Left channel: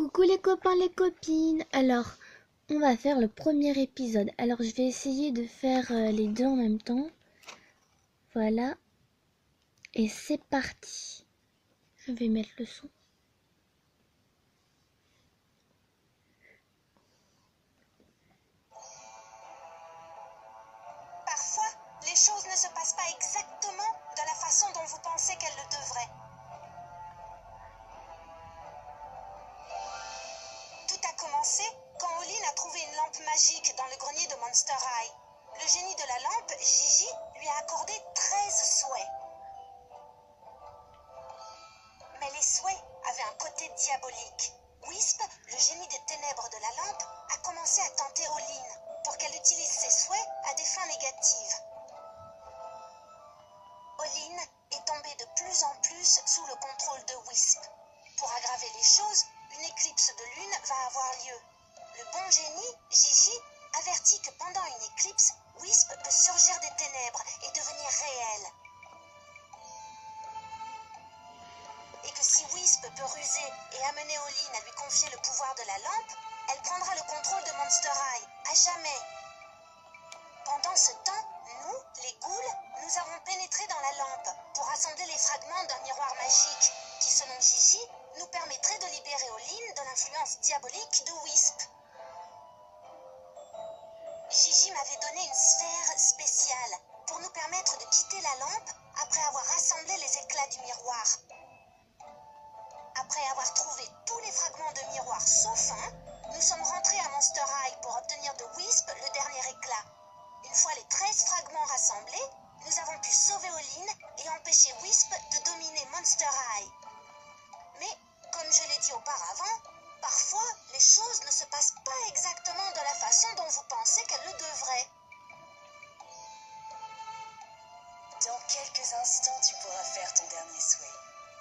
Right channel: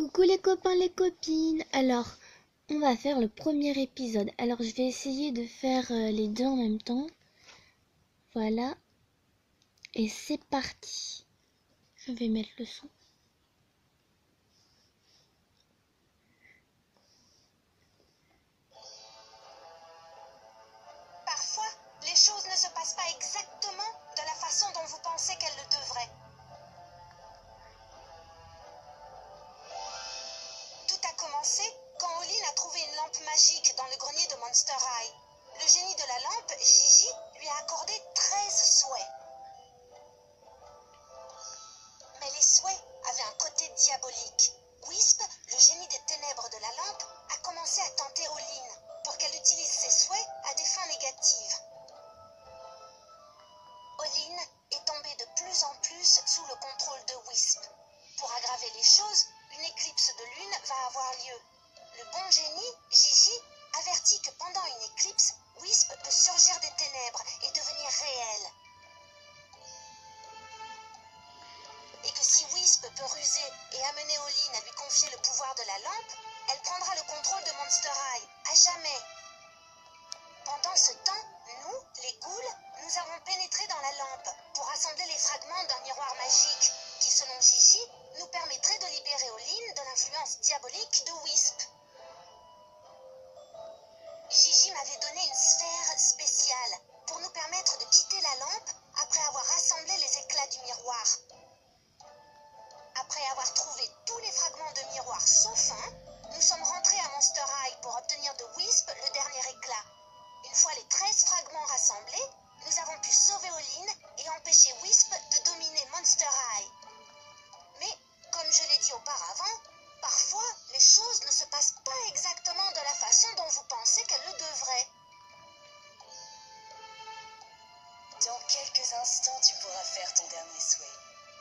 Coucou les copains, les copines. Alors, on va faire le premier épisode. Alors, je vais essayer de faire les deux en même temps. Voilà. Et c'est parti. Je vais mettre le son. Parfois, les choses ne se passent pas exactement de la façon dont vous pensez qu'elles le devraient. Tout a commencé quand Olin a trouvé une lampe magique dans le grenier de Monster High. Le génie de la lampe, Gigi, lui a accordé 13 souhaits. Mais les souhaits avaient un côté diabolique. Wisp, le génie des ténèbres de la lampe, a commencé à tenter Olin pour qu'elle utilise ses souhaits à des fins négatives. Olin est tombée de plus en plus sous le contrôle de Wisp. Pour aggraver les choses, une éclipse de lune va avoir lieu. Le bon génie, Gigi, avertit que pendant une éclipse, Wisp peut surgir des ténèbres et devenir réel. Et que si Wisp peut ruser et amener Olin à lui confier le pouvoir de la lampe, elle prendra le contrôle de Monster High, à jamais. Pendant ce temps, nous, les ghouls, nous avons pénétré dans la lampe pour assembler les fragments d'un miroir magique qui, selon Gigi, nous permettrait de libérer Olin de l'influence diabolique de Wisp. Gigi m'avait donné une sphère spéciale pour nous permettre de quitter la lampe après avoir rassemblé les éclats du miroir. Après avoir trouvé tous les fragments de miroir sauf un, nous sommes rentrés à Monster High pour obtenir de Wisp le dernier éclat. Une fois les 13 fragments rassemblés, nous avons pu sauver Olin et empêcher Wisp de dominer Monster High. Mais, comme je l'ai dit auparavant, parfois les choses ne se passent pas exactement de la façon dont vous pensez qu'elles le devraient. Dans quelques instants, tu pourras faire ton dernier souhait.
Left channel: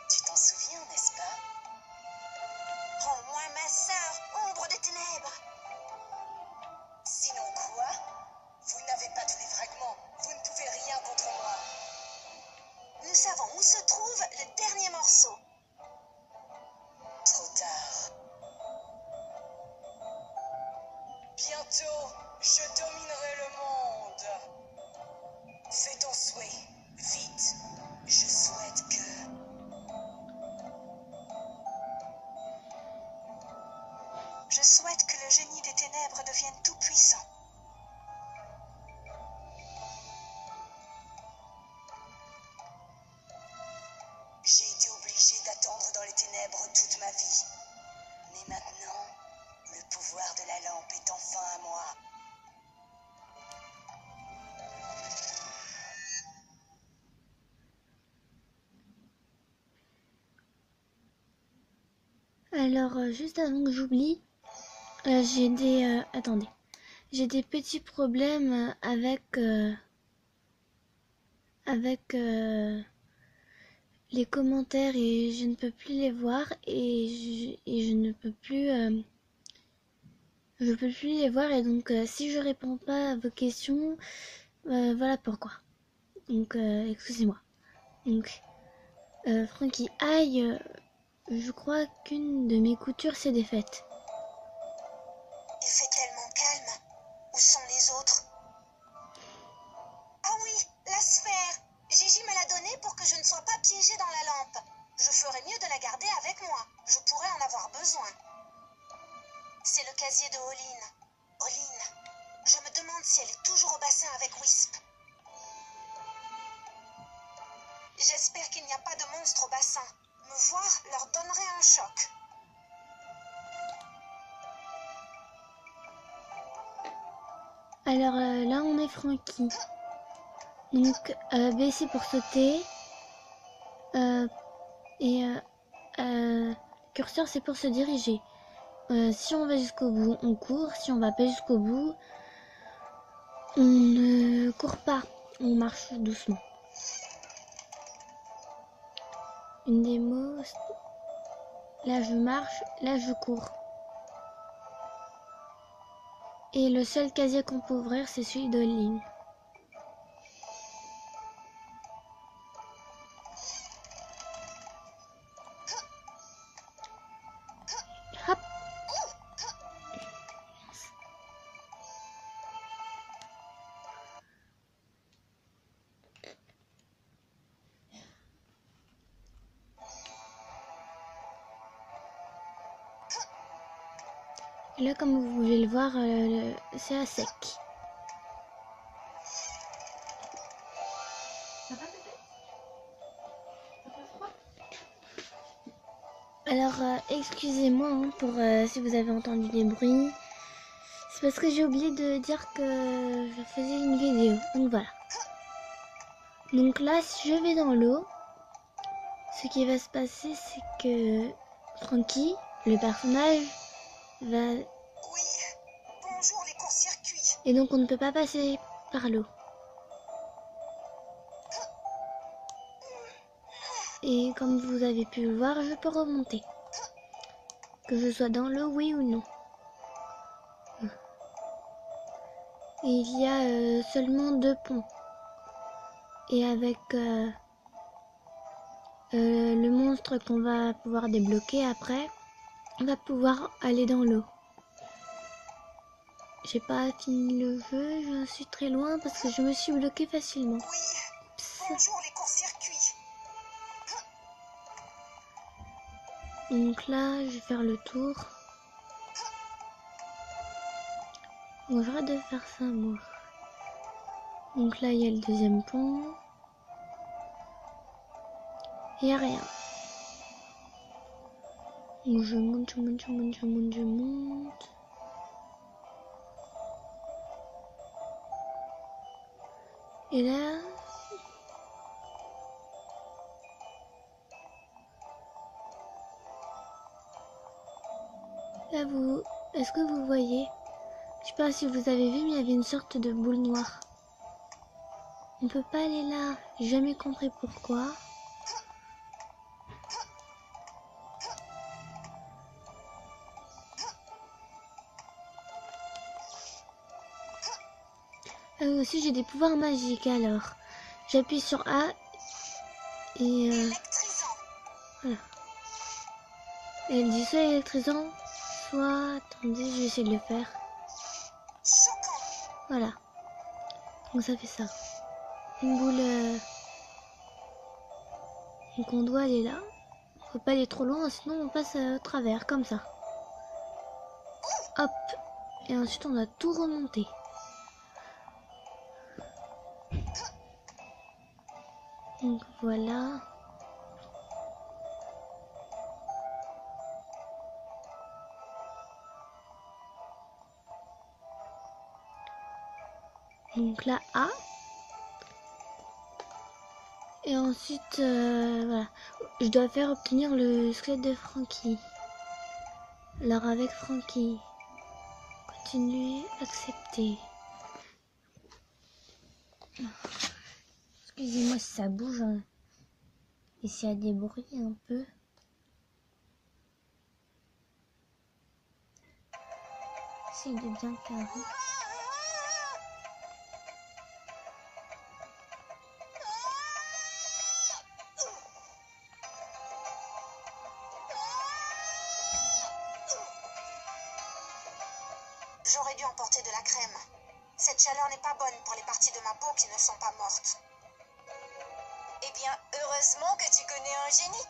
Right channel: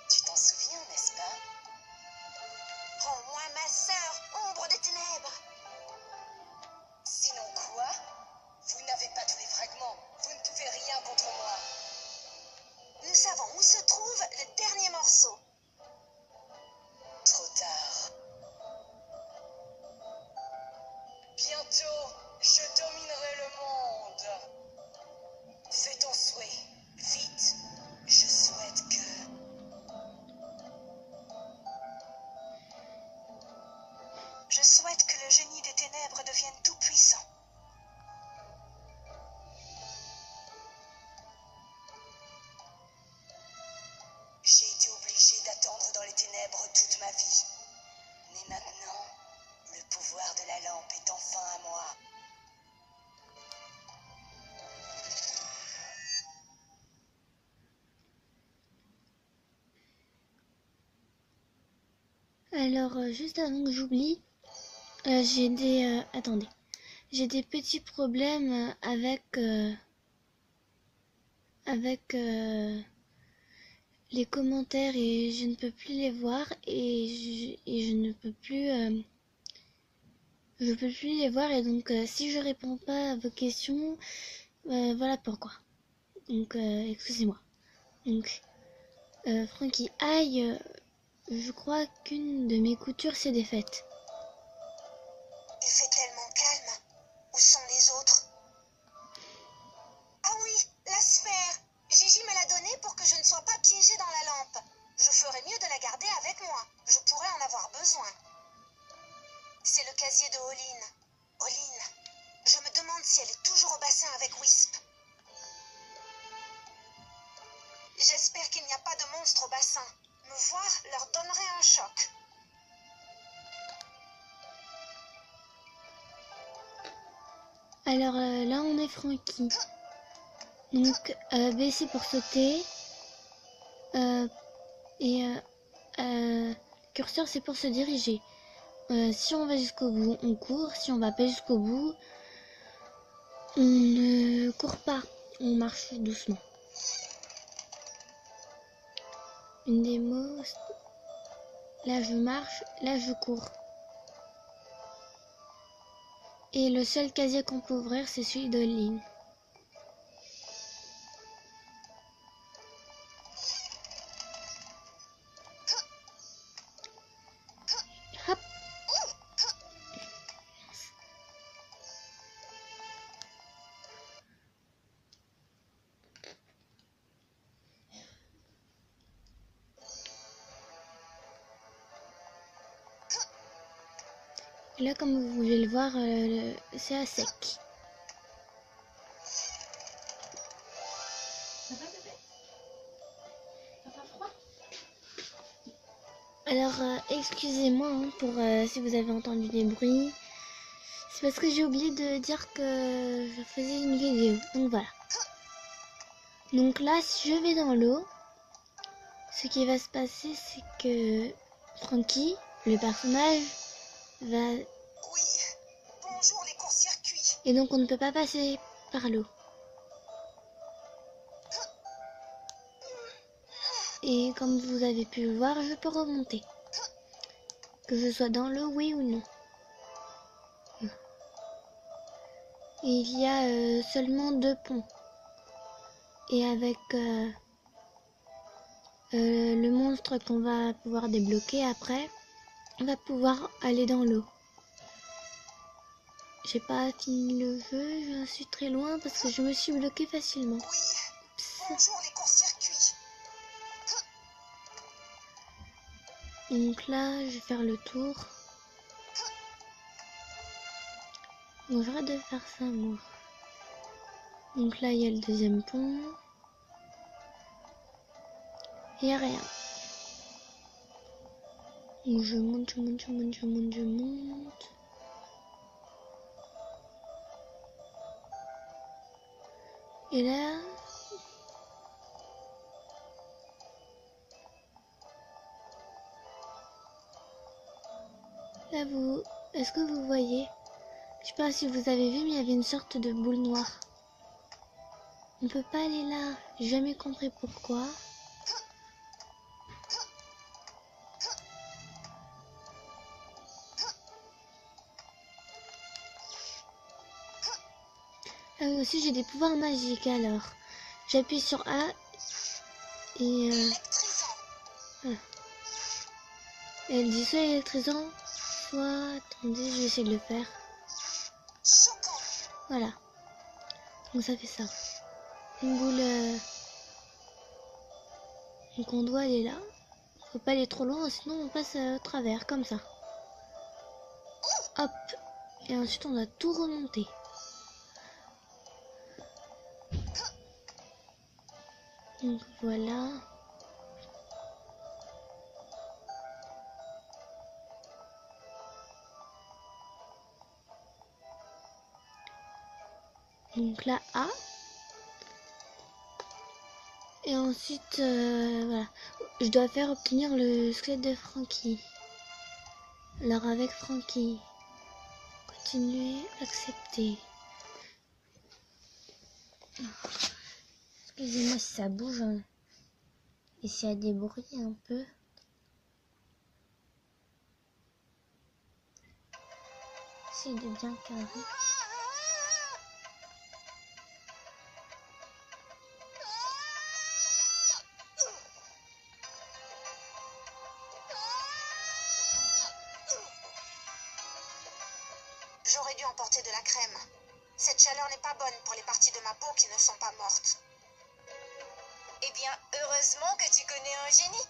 Tu t'en souviens, n'est-ce pas? Rends-moi ma sœur, ombre des ténèbres. Sinon quoi? Vous n'avez pas tous les fragments. Vous ne pouvez rien contre moi. Nous savons où se trouve le dernier morceau. Trop tard. Bientôt, je dominerai le monde. Fais ton souhait. Vite. Je souhaite que... Je souhaite que le génie des ténèbres devienne tout puissant. J'ai été obligé d'attendre dans les ténèbres toute ma vie. Mais maintenant, le pouvoir de la lampe est enfin à moi. Alors, juste avant que j'oublie, j'ai des... attendez. J'ai des petits problèmes avec les commentaires et je ne peux plus les voir et je ne peux plus... je peux plus les voir et donc si je réponds pas à vos questions, voilà pourquoi. Donc excusez-moi. Donc Frankie, aïe, je crois qu'une de mes coutures s'est défaite. Il fait tellement calme. Où sont les autres? Ah oui, la sphère. Gigi me l'a donnée pour que je ne sois pas piégée dans la lampe. Je ferais mieux de la garder avec moi. Je pourrais en avoir besoin. C'est le casier de Olin. Olin, je me demande si elle est toujours au bassin avec Wisp. J'espère qu'il n'y a pas de monstre au bassin. Me voir leur donnerait un choc. Alors là on est Frankie. Donc baisser pour sauter. Et curseur c'est pour se diriger. Si on va jusqu'au bout, on court. Si on va pas jusqu'au bout, on ne court pas. On marche doucement. Une démo. Là je marche, là je cours. Et le seul casier qu'on peut ouvrir c'est celui d'Olin. Hop. Et là, comme vous pouvez le voir, c'est à sec. Alors, excusez-moi hein, pour si vous avez entendu des bruits. C'est parce que j'ai oublié de dire que je faisais une vidéo. Donc voilà. Donc là, si je vais dans l'eau, ce qui va se passer, c'est que Frankie, le personnage, va... Oui, bonjour les courts-circuits. Et donc on ne peut pas passer par l'eau. Et comme vous avez pu le voir, je peux remonter. Que je sois dans l'eau, oui ou non. Et il y a seulement 2 ponts. Et avec le monstre qu'on va pouvoir débloquer après, on va pouvoir aller dans l'eau. J'ai pas fini le jeu, je suis très loin parce que je me suis bloqué facilement. Oui, Oups. bonjour les courts-circuits. Donc là, je vais faire le tour. Bon, j'arrête de faire ça, moi. Donc là, il y a le deuxième pont. Il n'y a rien. Donc je monte, je monte, je monte, je monte, je monte. Et là... Là, vous... Est-ce que vous voyez? Je sais pas si vous avez vu, mais il y avait une sorte de boule noire. On peut pas aller là. J'ai jamais compris pourquoi. Ah oui, aussi j'ai des pouvoirs magiques alors. J'appuie sur A et Électrisant. voilà. Elle dit soit électrisant, soit... Attendez, je vais essayer de le faire. Choquant. Voilà. Donc ça fait ça. Une boule... Donc on doit aller là. Faut pas aller trop loin, sinon on passe à travers, comme ça. Hop. Et ensuite on doit tout remonter. Donc voilà. Donc là A. Et ensuite, voilà. Je dois faire obtenir le squelette de Frankie. Alors avec Frankie. Continuer, accepter. Excusez-moi si ça bouge. Hein. Et s'il y a des bruits un peu. C'est de bien carré. J'aurais dû emporter de la crème. Cette chaleur n'est pas bonne pour les parties de ma peau qui ne sont pas mortes. Eh bien, heureusement que tu connais un génie.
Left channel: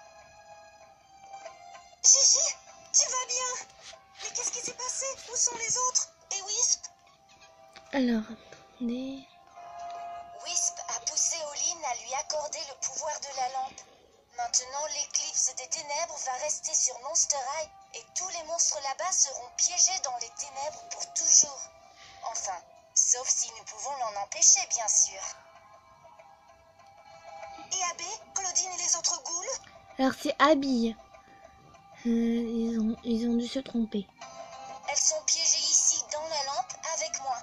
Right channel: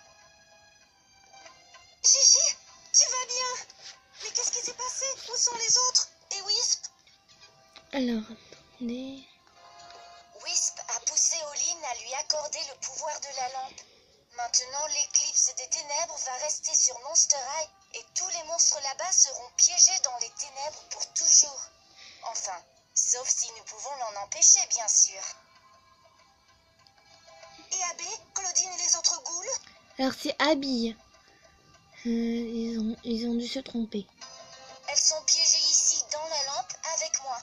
Gigi, tu vas bien? Mais qu'est-ce qui s'est passé? Où sont les autres? Et Wisp? Alors, attendez. Wisp a poussé Olin à lui accorder le pouvoir de la lampe. Maintenant, l'éclipse des ténèbres va rester sur Monster High et tous les monstres là-bas seront piégés dans les ténèbres pour toujours. Enfin, sauf si nous pouvons l'en empêcher, bien sûr. Et Abbé, Claudine et les autres ghouls? Alors c'est Abby. Ils ont dû se tromper. Elles sont piégées ici dans la lampe avec moi.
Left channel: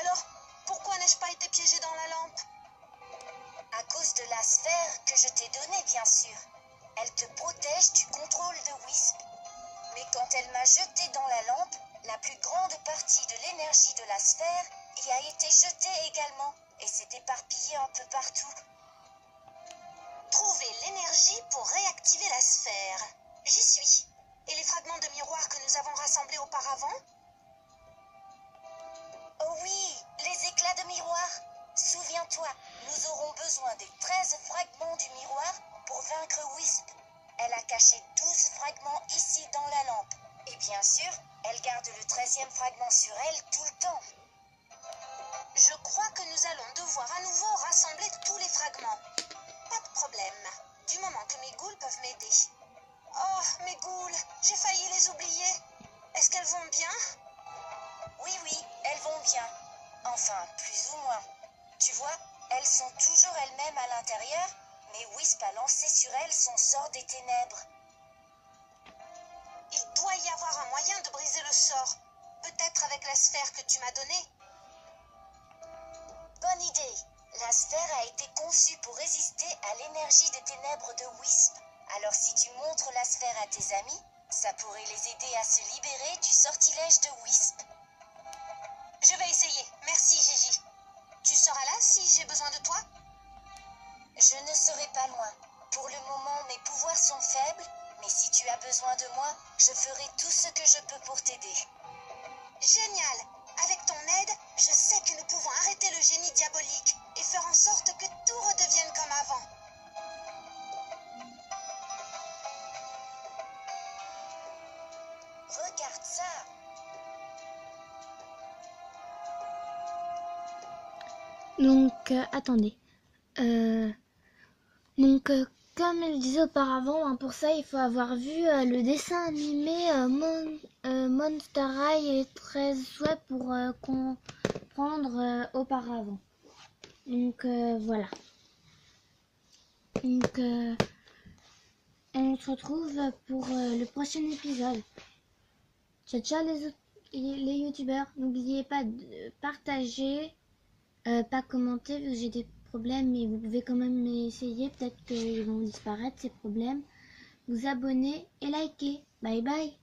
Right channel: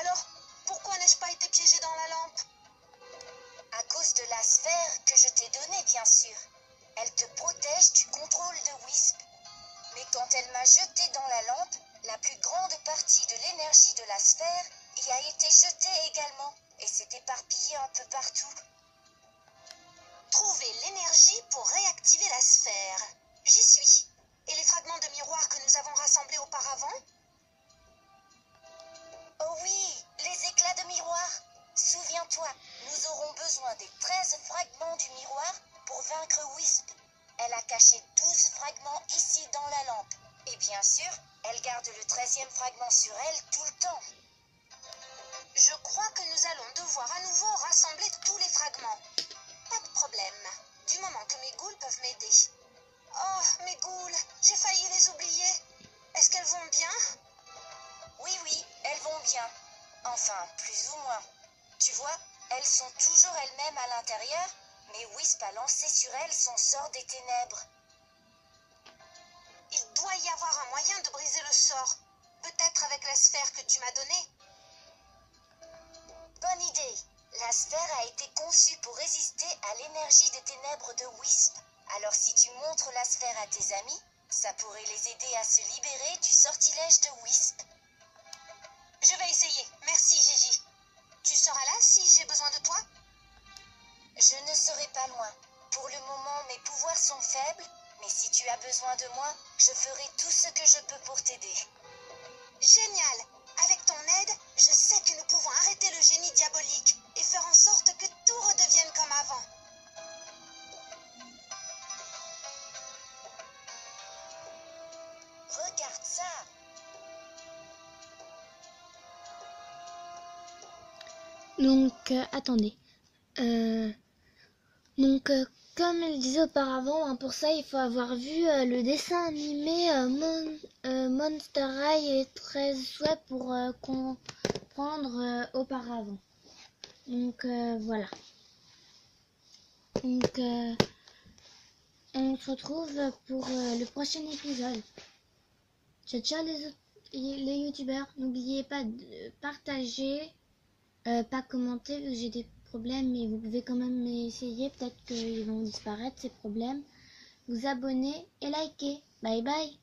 Alors, pourquoi n'ai-je pas été piégée dans la lampe? À cause de la sphère que je t'ai donnée, bien sûr. Elle te protège du contrôle de Wisp. Mais quand elle m'a jetée dans la lampe, la plus grande partie de l'énergie de la sphère y a été jetée également et s'est éparpillée un peu partout. Trouver l'énergie pour réactiver la sphère. J'y suis. Et les fragments de miroir que nous avons rassemblés auparavant? Oh oui, les éclats de miroir. Souviens-toi, nous aurons besoin des 13 fragments du miroir pour vaincre Wisp. Elle a caché 12 fragments ici dans la lampe. Et bien sûr, elle garde le 13e fragment sur elle tout le temps. Je crois que nous allons devoir à nouveau rassembler tous les fragments. Pas de problème, du moment que mes ghouls peuvent m'aider. Oh, mes ghouls, j'ai failli les oublier. Est-ce qu'elles vont bien? Oui, elles vont bien. Enfin, plus ou moins. Tu vois, elles sont toujours elles-mêmes à l'intérieur, mais Wisp a lancé sur elles son sort des ténèbres. Il doit y avoir un moyen de briser le sort. Peut-être avec la sphère que tu m'as donnée. Bonne idée. La sphère a été conçue pour résister à l'énergie des ténèbres de Wisp. Alors si tu montres la sphère à tes amis, ça pourrait les aider à se libérer du sortilège de Wisp. Je vais essayer. Merci, Gigi. Tu seras là si j'ai besoin de toi? Je ne serai pas loin. Pour le moment, mes pouvoirs sont faibles, mais si tu as besoin de moi, je ferai tout ce que je peux pour t'aider. Génial! Avec ton aide, je sais que nous pouvons arrêter le génie diabolique et faire en sorte que tout redevienne comme avant. Regarde ça! Donc, attendez. Donc, comme elle disait auparavant, hein, pour ça, il faut avoir vu le dessin animé Monster High et 13 souhaits pour comprendre auparavant. Donc, voilà. Donc, on se retrouve pour le prochain épisode. Ciao, ciao les youtubeurs. N'oubliez pas de partager, pas commenter vu que j'ai des problèmes, mais vous pouvez quand même essayer. Peut-être qu'ils vont disparaître ces problèmes. Vous abonner et liker. Bye bye.